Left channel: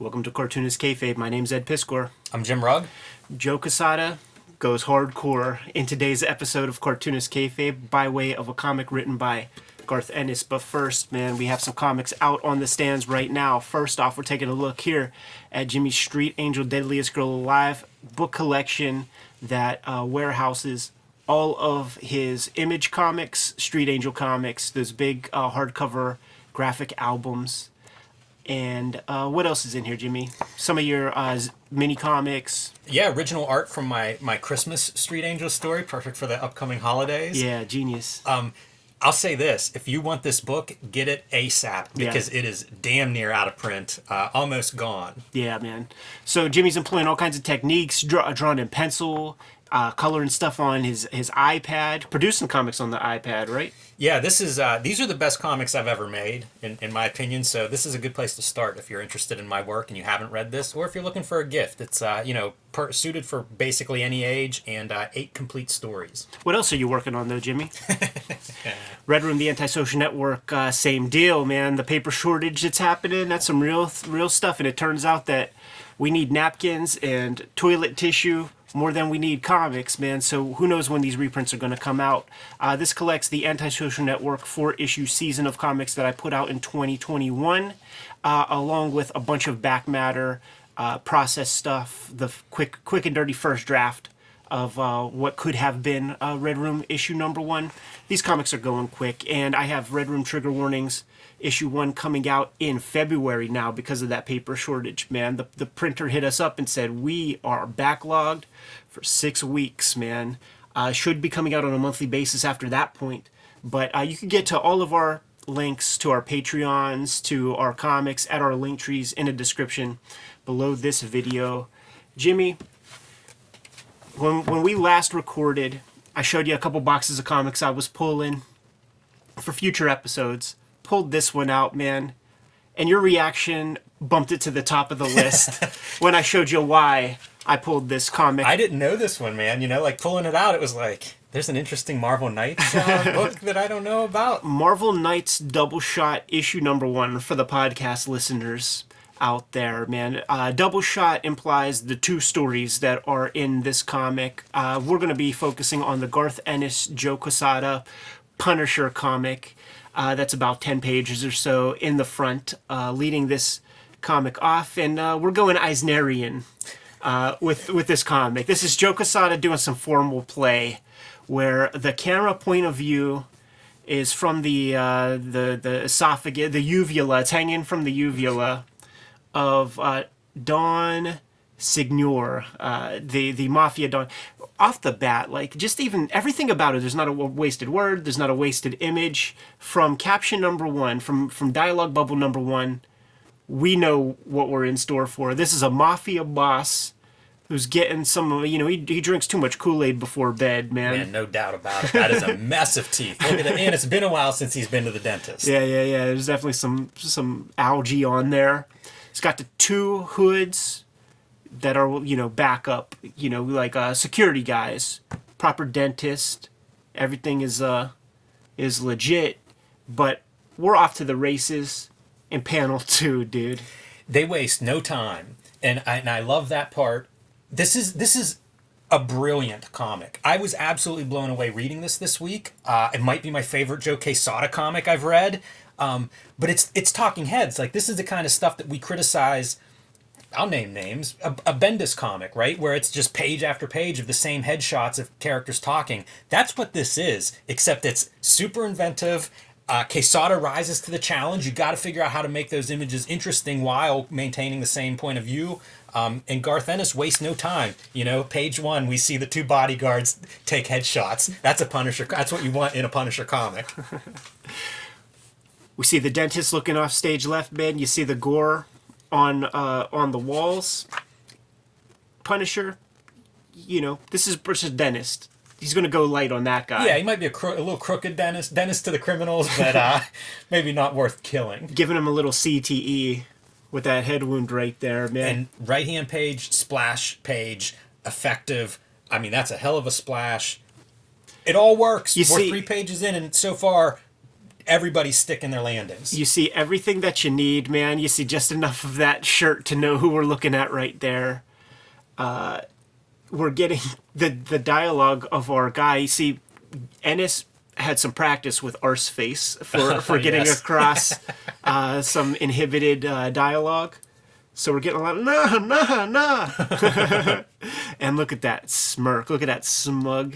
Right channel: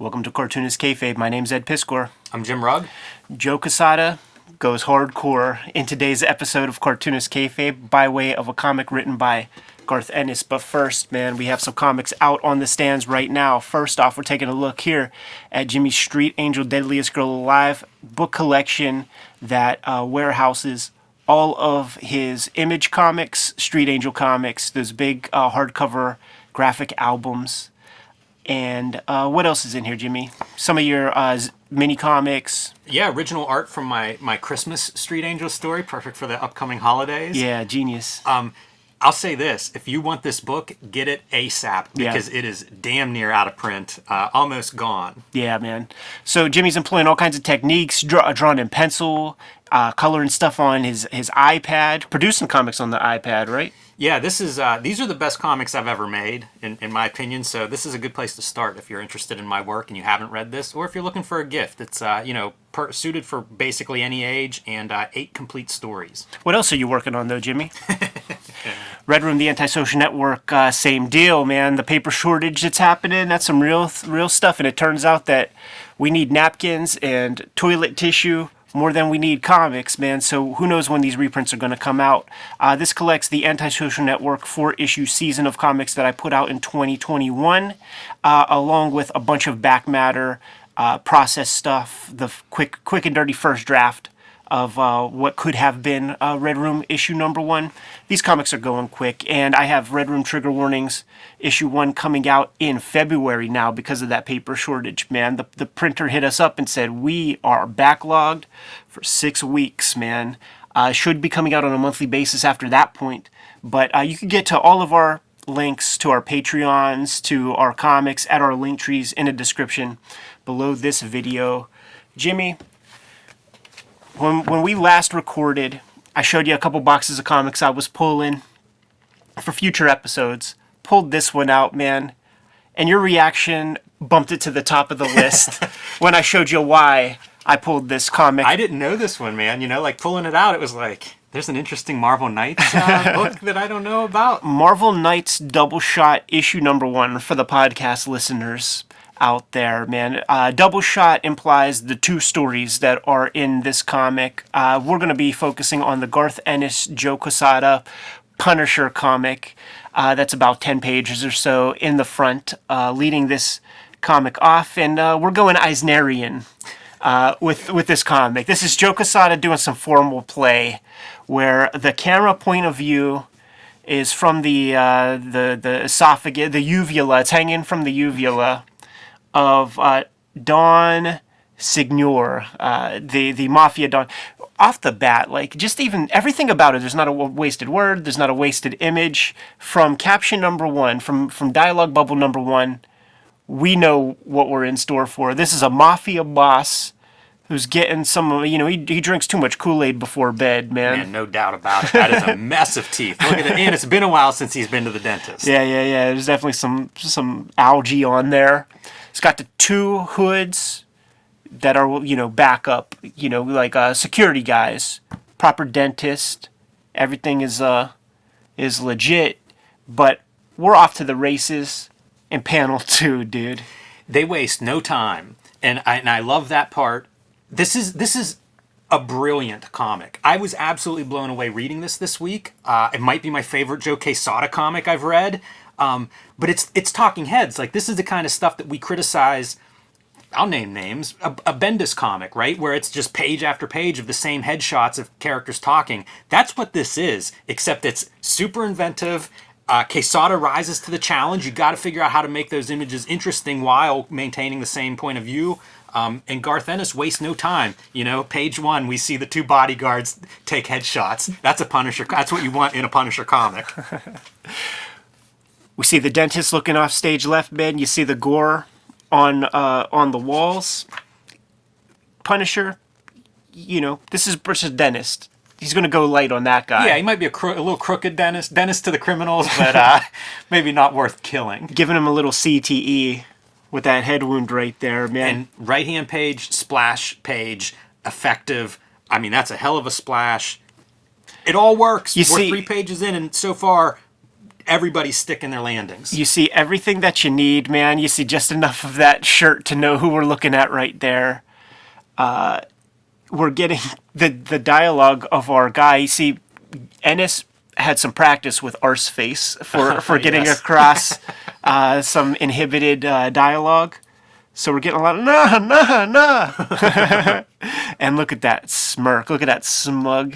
Welcome to Cartoonist Kayfabe. My name's Ed Piscor. I'm Jim Rugg. Joe Quesada goes hardcore in today's episode of Cartoonist Kayfabe by way of a comic written by Garth Ennis. But first, man, we have some comics out on the stands right now. First off, we're taking a look here at Jimmy's Street Angel Deadliest Girl Alive book collection that warehouses all of his Image comics, Street Angel comics, those big hardcover graphic albums. And what else is in here, Jimmy? Some of your mini comics. Yeah, original art from my Christmas Street Angel story, perfect for the upcoming holidays. Yeah, genius. I'll say this, if you want this book, get it ASAP, because it is damn near out of print, almost gone. Yeah, man. So Jimmy's employing all kinds of techniques, drawn in pencil, coloring stuff on his iPad, producing comics on the iPad, right? Yeah, these are the best comics I've ever made, in my opinion, so this is a good place to start if you're interested in my work and you haven't read this, or if you're looking for a gift. It's, suited for basically any age, and 8 complete stories. What else are you working on, though, Jimmy? Red Room, the Antisocial Network, same deal, man. The paper shortage that's happening, that's some real stuff, and it turns out that we need napkins and toilet tissue more than we need comics, man. So who knows when these reprints are going to come out. This collects the Antisocial Network 4-issue season of comics that I put out in 2021, along with a bunch of back matter, process stuff, the quick and dirty first draft of what could have been Red Room issue number 1. These comics are going quick, and I have Red Room Trigger Warnings issue 1 coming out in February now because of that paper shortage, man. The printer hit us up and said, we are backlogged for 6 weeks, man. Should be coming out on a monthly basis after that point. But you can get to all of our links to our Patreons, to our comics at our link trees in the description below this video. Jimmy, when we last recorded, I showed you a couple boxes of comics I was pulling for future episodes. Pulled this one out, man, and your reaction bumped it to the top of the list when I showed you why I pulled this comic. I didn't know this one, man. Pulling it out, it was like, there's an interesting Marvel Knights book that I don't know about. Marvel Knights Double Shot issue number 1 for the podcast listeners out there, man. Double Shot implies the 2 stories that are in this comic. We're going to be focusing on the Garth Ennis, Joe Quesada Punisher comic. That's about 10 pages or so in the front, leading this comic off. And we're going Eisnerian with this comic. This is Joe Quesada doing some formal play where the camera point of view is from the esophagus, the uvula. It's hanging from the uvula of Don Signor, the mafia Don. Off the bat, just even everything about it, there's not a wasted word, there's not a wasted image. From caption number 1, from dialogue bubble number 1, we know what we're in store for. This is a mafia boss who's getting some, he drinks too much Kool-Aid before bed, man. Man, no doubt about it. That is a mess of teeth. Look at it. And it's been a while since he's been to the dentist. Yeah. There's definitely some algae on there. It's got the 2 hoods that are, backup, security guys, proper dentist, everything is legit, but we're off to the races in panel 2, dude. They waste no time, and I love that part. This is a brilliant comic. I was absolutely blown away reading this week. It might be my favorite Joe Quesada comic I've read, but it's talking heads. This is the kind of stuff that we criticize. I'll name names, a Bendis comic, right? Where it's just page after page of the same headshots of characters talking. That's what this is, except it's super inventive. Quesada rises to the challenge. You got to figure out how to make those images interesting while maintaining the same point of view. And Garth Ennis wastes no time. Page 1, we see the 2 bodyguards take headshots. That's a Punisher. That's what you want in a Punisher comic. We see the dentist looking off stage left bed. You see the gore on the walls. Punisher, this is versus dentist. He's going to go light on that guy. Yeah, he might be a little crooked dentist to the criminals, but maybe not worth killing. Giving him a little CTE with that head wound right there, man. And right-hand page, splash page, effective. I mean, that's a hell of a splash. It all works. We're 3 pages in, and so far, everybody's sticking their landings. You see everything that you need, man. You see just enough of that shirt to know who we're looking at right there. We're getting the dialogue of our guy. You see, Ennis had some practice with Arseface for getting Yes. across some inhibited dialogue. So we're getting a lot of nah. And look at that smirk. Look at that smug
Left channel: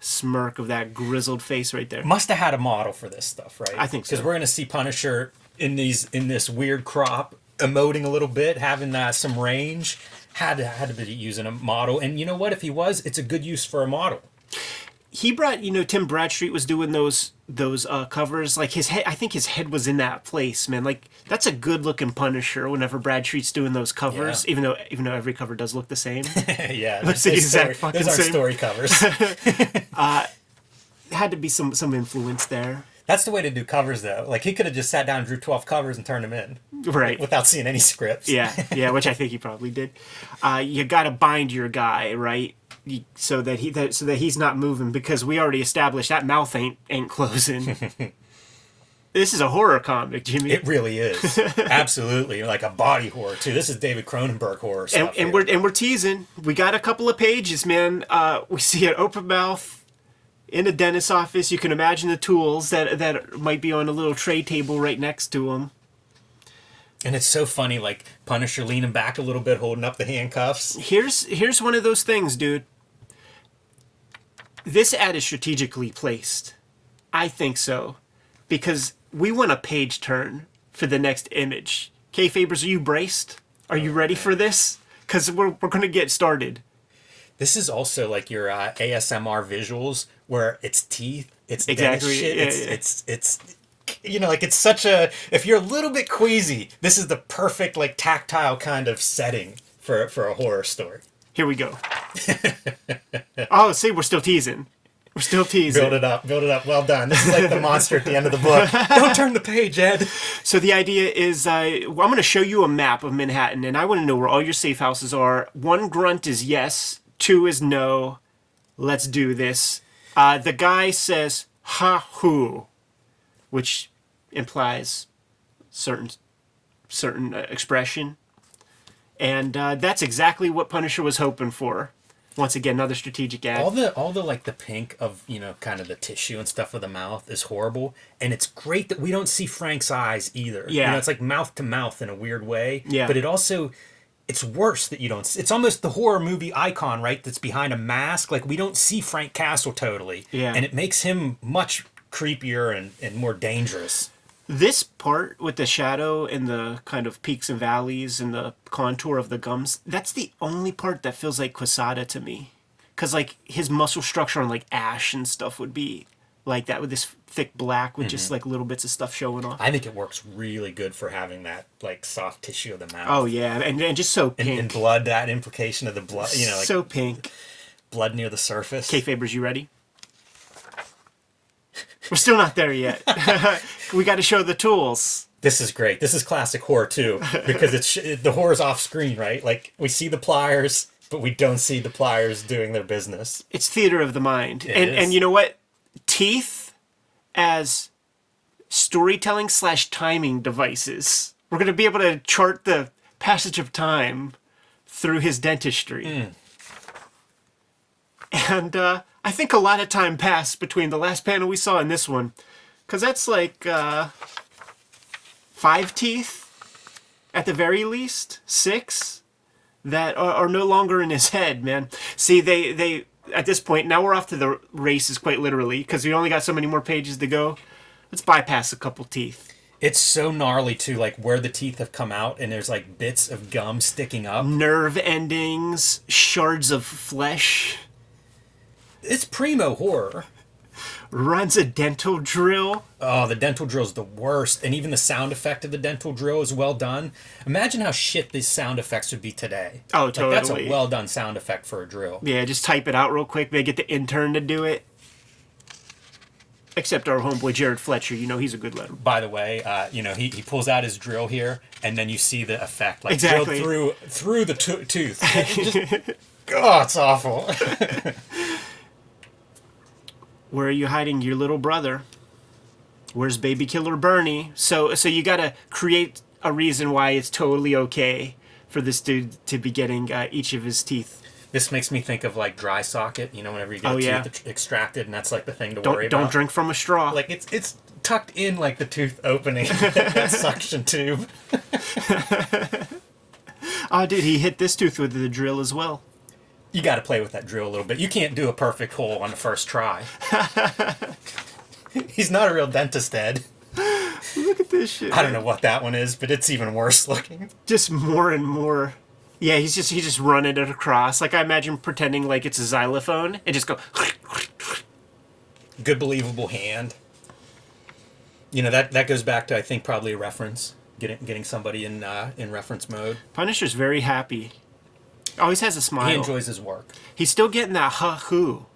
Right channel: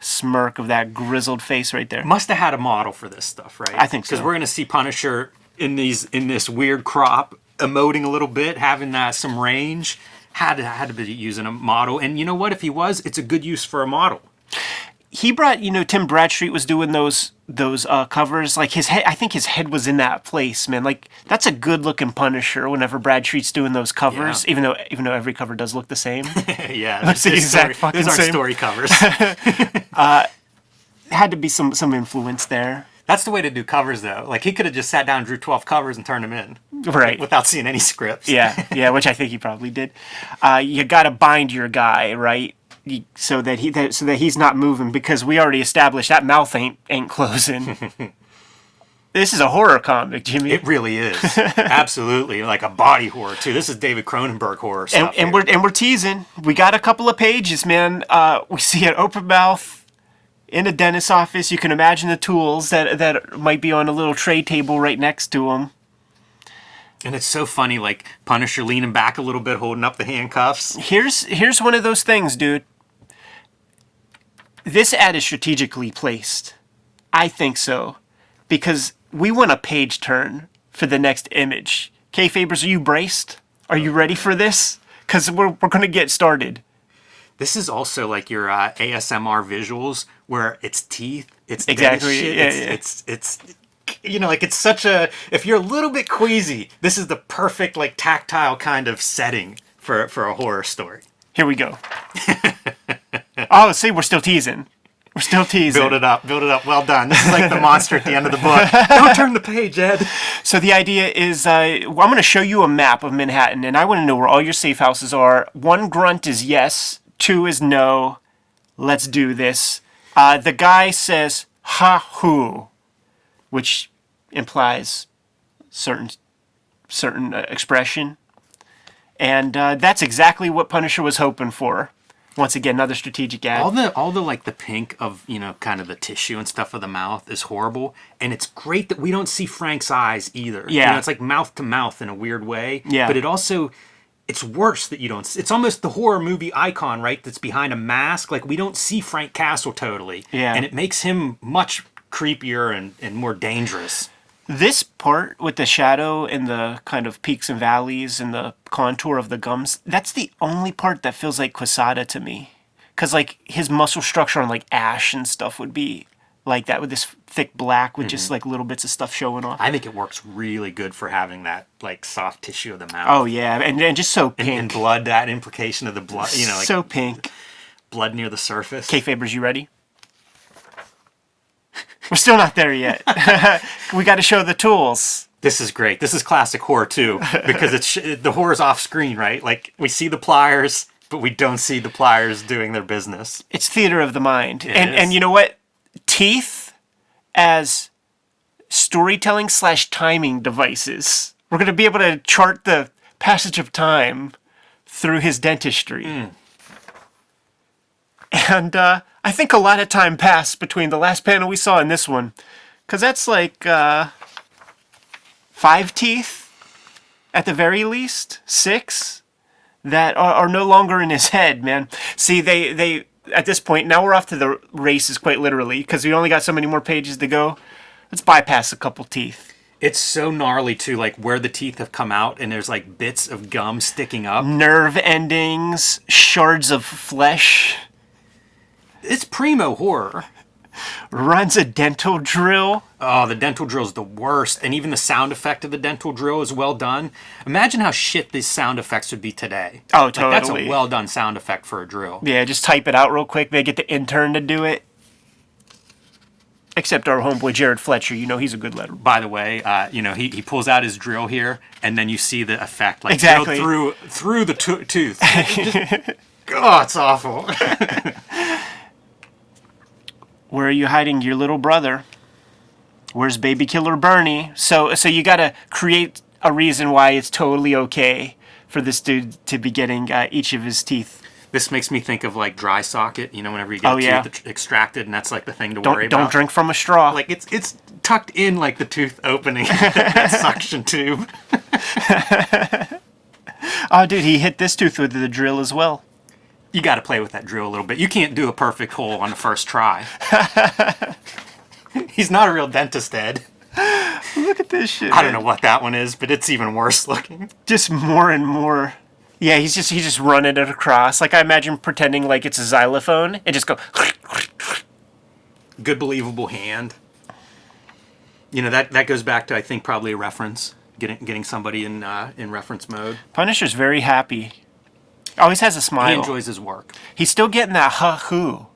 smirk of that grizzled face right there. Must have had a model for this stuff, right? I think so. Because we're gonna see Punisher in this weird crop, emoting a little bit, having some range. Had to be using a model, and you know what? If he was, it's a good use for a model. He brought, Tim Bradstreet was doing those covers. Like his head, I think his head was in that place, man. Like that's a good looking Punisher. Whenever Bradstreet's doing those covers, even though every cover does look the same. Yeah, Looks the exact fucking those aren't same. story covers. Had to be some influence there, That's the way to do covers, though. Like he could have just sat down, drew 12 covers, and turned them in, right? without seeing any scripts. Yeah, which I think he probably did. You got to bind your guy, right? So that he's not moving, because we already established that mouth ain't closing. This is a horror comic, Jimmy. It really is. Absolutely. Like a body horror, too. This is David Cronenberg horror stuff. And we're teasing. We got a couple of pages, man. We see an open mouth in a dentist's office. You can imagine the tools that might be on a little tray table right next to him. And it's so funny, like Punisher leaning back a little bit, holding up the handcuffs. Here's one of those things, dude. This ad is strategically placed. I think so. Because we want a page turn for the next image. Kayfabers, are you braced? Are you ready for this? Because we're going to get started. This is also like your ASMR visuals, where it's teeth, it's dentist Exactly, shit, yeah. it's like it's such a, if you're a little bit queasy, this is the perfect like tactile kind of setting for a horror story. Here we go. Oh, see, we're still teasing. We're still teasing. Build it up. Well done. This is like the monster at the end of the book. Don't turn the page, Ed. So the idea is, I'm going to show you a map of Manhattan, and I want to know where all your safe houses are. 1 grunt is yes, 2 is no. Let's do this. The guy says, ha-hoo, which implies certain expression. And that's exactly what Punisher was hoping for. Once again, another strategic ad. All the like the pink of, kind of the tissue and stuff of the mouth is horrible, and it's great that we don't see Frank's eyes either. Yeah. It's like mouth to mouth in a weird way. Yeah. But it's worse that you don't. It's almost the horror movie icon, right? That's behind a mask. Like we don't see Frank Castle totally. Yeah. And it makes him much creepier and more dangerous. This part with the shadow and the kind of peaks and valleys and the contour of the gums, that's the only part that feels like Quesada to me. Because, like, his muscle structure on, like, Ash and stuff would be like that with this thick black with just, like, little bits of stuff showing off. I think it works really good for having that, like, soft tissue of the mouth. Oh, yeah. And just so pink. And blood, that implication of the blood, like so pink. blood near the surface. Kayfabers, you ready? We're still not there yet. We got to show the tools. This is great. This is classic horror too, because the horror's off screen, right? Like we see the pliers, but we don't see the pliers doing their business. It's theater of the mind. It is. And you know what? Teeth as storytelling / timing devices. We're going to be able to chart the passage of time through his dentistry. And I think a lot of time passed between the last panel we saw and this one. Because that's like 5 teeth, at the very least, 6, that are no longer in his head, man. See, they at this point, now we're off to the races quite literally, because we only got so many more pages to go. Let's bypass a couple teeth. It's so gnarly too, like where the teeth have come out and there's like bits of gum sticking up. Nerve endings, shards of flesh. It's primo horror. Runs a dental drill. Oh, the dental drill's the worst. And even the sound effect of the dental drill is well done. Imagine how shit these sound effects would be today. Oh, Like that's a totally. well done sound effect for a drill. Yeah, just type it out real quick. They get the intern to do it. Except our homeboy Jared Fletcher, he's a good letter. By the way, he pulls out his drill here, and then you see the effect, like Exactly. drilled through the tooth. It's awful. Where are you hiding your little brother? Where's Baby Killer Bernie? So you got to create a reason why it's totally okay for this dude to be getting each of his teeth. This makes me think of like dry socket, you know, whenever you get tooth extracted, and that's like the thing to worry about. Don't drink from a straw. Like it's tucked in like the tooth opening, that suction tube. Oh, dude, he hit this tooth with the drill as well. You got to play with that drill a little bit. You can't do a perfect hole on the first try. He's not a real dentist, Ed. Look at this shit. I don't know what that one is, but it's even worse looking. Just more and more. Yeah, he's just running it across. Like, I imagine pretending like it's a xylophone and just go. Good believable hand. You know, that goes back to, I think, probably a reference. Getting somebody in reference mode. Punisher's very happy. Always has a smile. He enjoys his work. He's still getting that ha-hoo.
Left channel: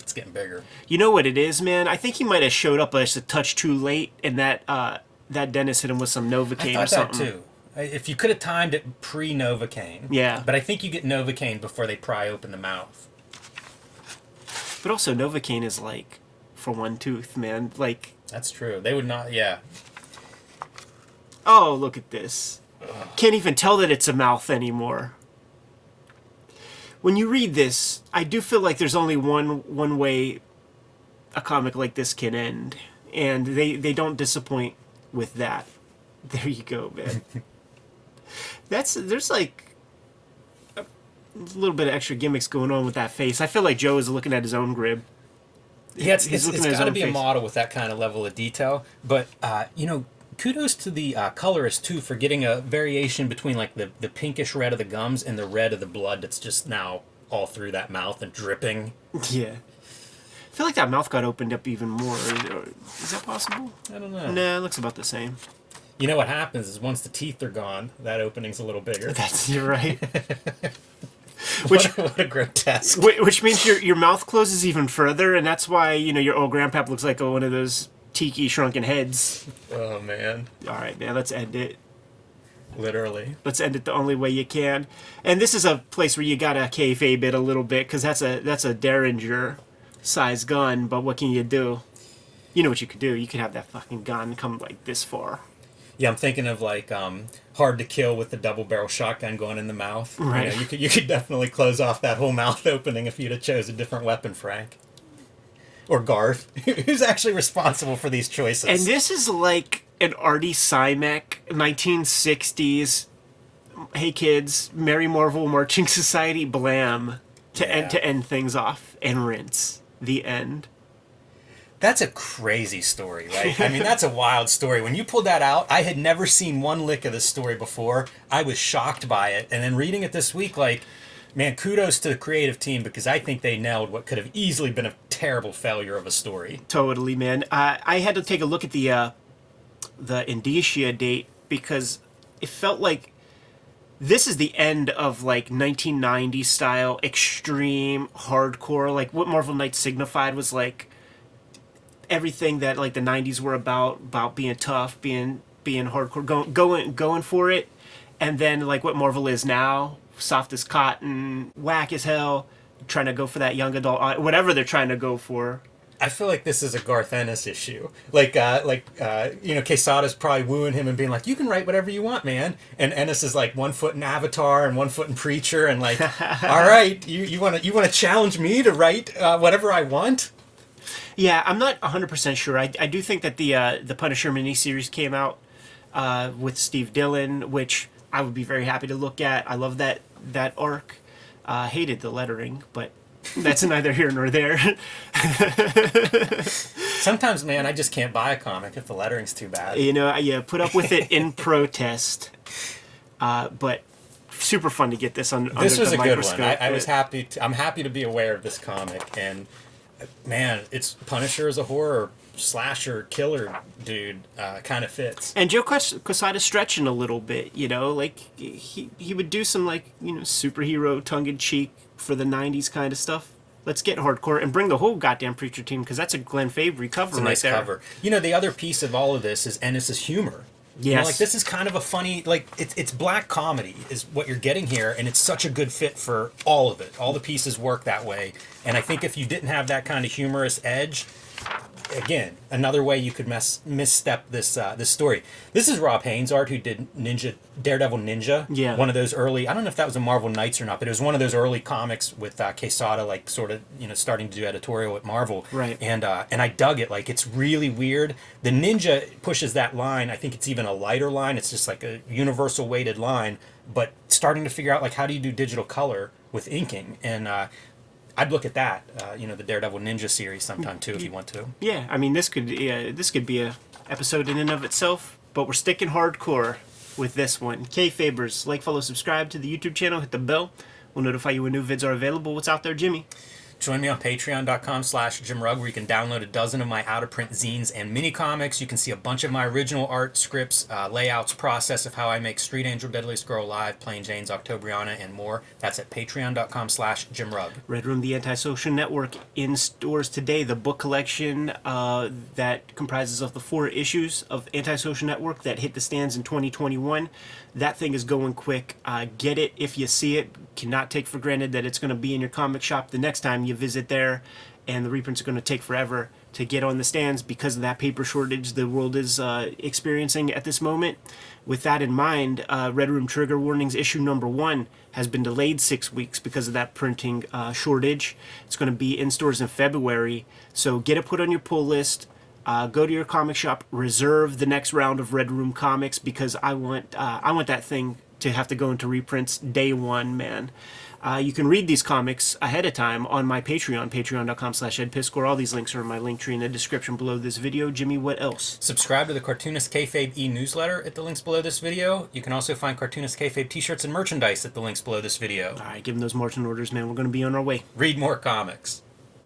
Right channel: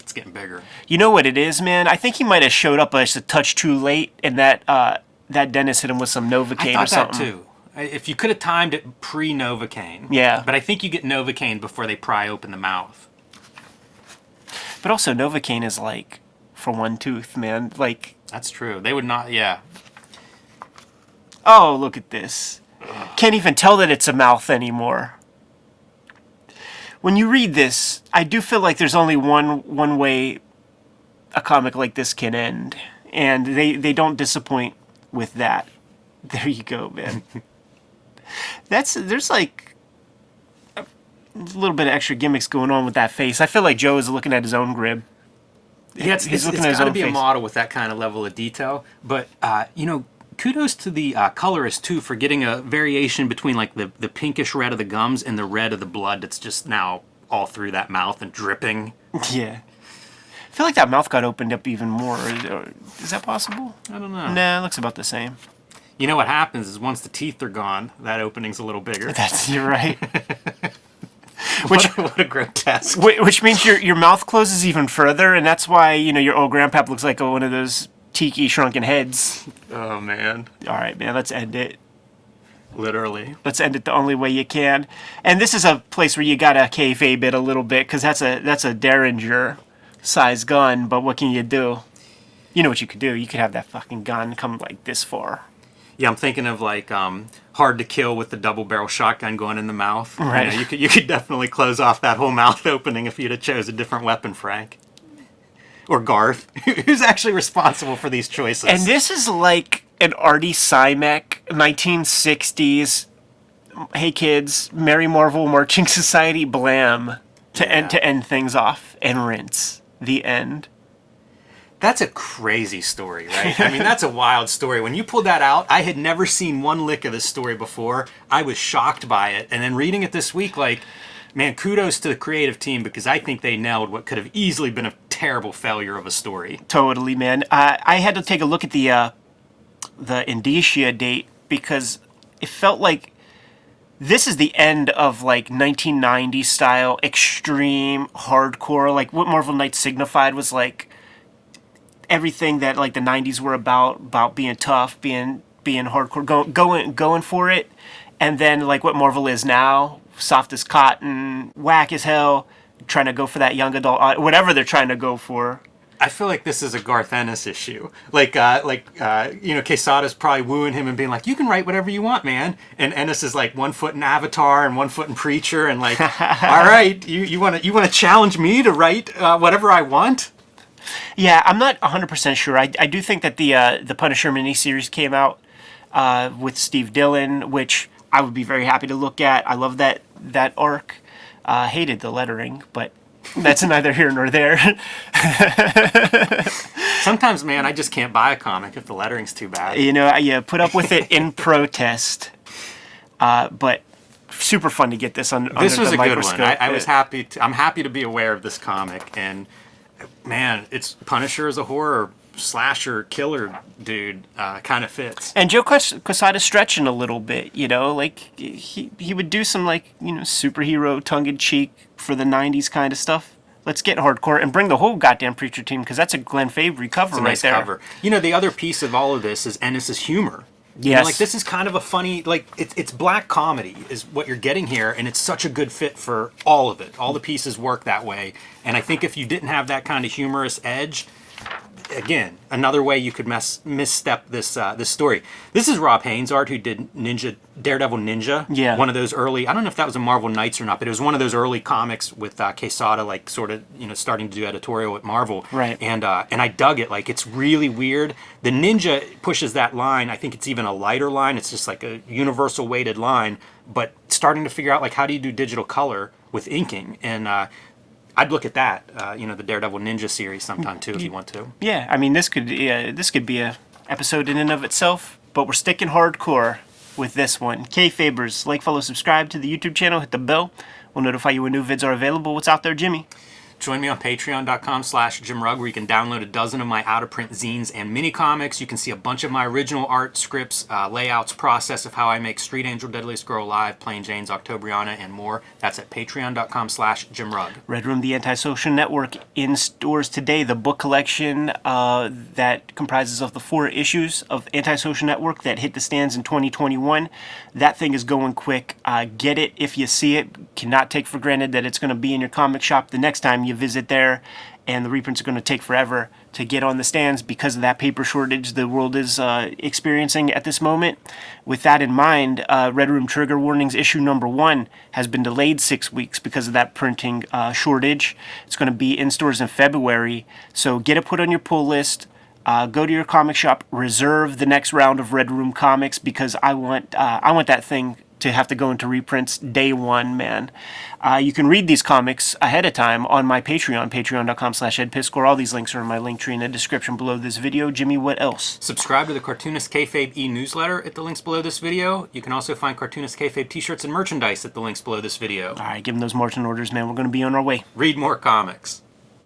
It's getting bigger. You know what it is, man? I think he might have showed up just a touch too late, and that dentist hit him with some Novocaine. I thought or something. that too. If you could have timed it pre-Novocaine. Yeah. But I think you get Novocaine before they pry open the mouth. But also, Novocaine is like for one tooth, man. Like. That's true. They would not. Yeah. Oh, look at this. Can't even tell that it's a mouth anymore. When you read this, I do feel like there's only one way a comic like this can end, and they don't disappoint with that. There you go, man. There's like a little bit of extra gimmicks going on with that face. I feel like Joe is looking at his own grib. Yeah, it's got to be a model with that kind of level of detail. But you know, kudos to the colorist too for getting a variation between like the pinkish red of the gums and the red of the blood that's just now all through that mouth and dripping. Yeah. I feel like that mouth got opened up even more. Is that possible? I don't know. Nah, it looks about the same. You know what happens is once the teeth are gone, that opening's a little bigger. You're right. What a grotesque. Which means your mouth closes even further, and that's why, you know, your old grandpap looks like one of those tiki shrunken heads. Oh, man. All right, man, let's end it. Literally. Let's end it the only way you can. And this is a place where you gotta kayfabe it a little bit, because that's a Derringer size gun, but what can you do? You know what you could do. You could have that fucking gun come like this far. Yeah, I'm thinking of like Hard to Kill with the double barrel shotgun going in the mouth. Right. You know, you could definitely close off that whole mouth opening if you'd have chose a different weapon, Frank. Or Garth, who's actually responsible for these choices. And this is like an Artie Simek 1960s. Hey kids, Merry Marvel Marching Society blam to end things off and rinse. The end. That's a crazy story, right? I mean, that's a wild story. When you pulled that out, I had never seen one lick of this story before. I was shocked by it. And then reading it this week, like, man, kudos to the creative team, because I think they nailed what could have easily been a terrible failure of a story. Totally, man. I had to take a look at the indicia date, because it felt like this is the end of like 1990s style extreme hardcore. Like what Marvel Knights signified was like everything that like the 90s were about being tough, being hardcore, going for it. And then like what Marvel is now, soft as cotton, whack as hell, trying to go for that young adult, whatever they're trying to go for. I feel like this is a Garth Ennis issue. Like you know, Quesada's probably wooing him and being like, "You can write whatever you want, man." And Ennis is like 1 foot in Avatar and 1 foot in Preacher, and like, "All right, you want to challenge me to write whatever I want?" Yeah, I'm not 100% sure. I do think that the Punisher miniseries came out with Steve Dillon, which I would be very happy to look at. I love that arc. Hated the lettering, but that's neither here nor there. Sometimes, man, I just can't buy a comic if the lettering's too bad. You know, you put up with it in protest. But super fun to get this on. This was a good one. I was happy. I'm happy to be aware of this comic, and man, it's Punisher as a horror slasher killer dude kind of fits. And Joe Quesada's stretching a little bit, you know, like he would do some like, you know, superhero tongue-in-cheek for the 90s kind of stuff. Let's get hardcore and bring the whole goddamn Preacher team, because that's a Glenn Fabry cover. It's a nice right there. cover. You know, the other piece of all of this is Ennis's humor. You know, like this is kind of a funny, like it's black comedy is what you're getting here, and it's such a good fit for all of it. All the pieces work that way, and I think if you didn't have that kind of humorous edge, again, another way you could misstep this this story. This is Rob Haynes' art, who did Daredevil Ninja. Yeah. One of those early, I don't know if that was a Marvel Knights or not, but it was one of those early comics with Quesada, like sort of, starting to do editorial at Marvel. Right. And I dug it. Like, it's really weird. The Ninja pushes that line. I think it's even a lighter line. It's just like a universal weighted line, but starting to figure out, like, how do you do digital color with inking? And I'd look at that, the Daredevil Ninja series sometime too, if you want to. Yeah, I mean, this could be a episode in and of itself, but we're sticking hardcore with this one. Kayfabers, like, follow, subscribe to the YouTube channel, hit the bell. We'll notify you when new vids are available. What's out there, Jimmy? Join me on patreon.com/JimRugg, where you can download a dozen of my out-of-print zines and mini comics. You can see a bunch of my original art, scripts, layouts, process of how I make Street Angel, Deadliest Girl Alive, Plain Jane's, Octobriana, and more. That's at patreon.com/JimRugg. Red Room, the Antisocial Network, in stores today. The book collection that comprises of the 4 issues of Antisocial Network that hit the stands in 2021. That thing is going quick. Get it if you see it. Cannot take for granted that it's going to be in your comic shop the next time you visit there. And the reprints are going to take forever to get on the stands because of that paper shortage the world is experiencing at this moment. With that in mind, Red Room Trigger Warnings issue number 1 has been delayed 6 weeks because of that printing shortage. It's going to be in stores in February. So get it put on your pull list. Go to your comic shop, reserve the next round of Red Room comics, because I want that thing to have to go into reprints day one, man. You can read these comics ahead of time on my Patreon, patreon.com/edpiscore. All these links are in my link tree in the description below this video. Jimmy, what else? Subscribe to the Cartoonist Kayfabe e-newsletter at the links below this video. You can also find Cartoonist Kayfabe t-shirts and merchandise at the links below this video. All right, give them those marching orders, man. We're going to be on our way. Read more comics.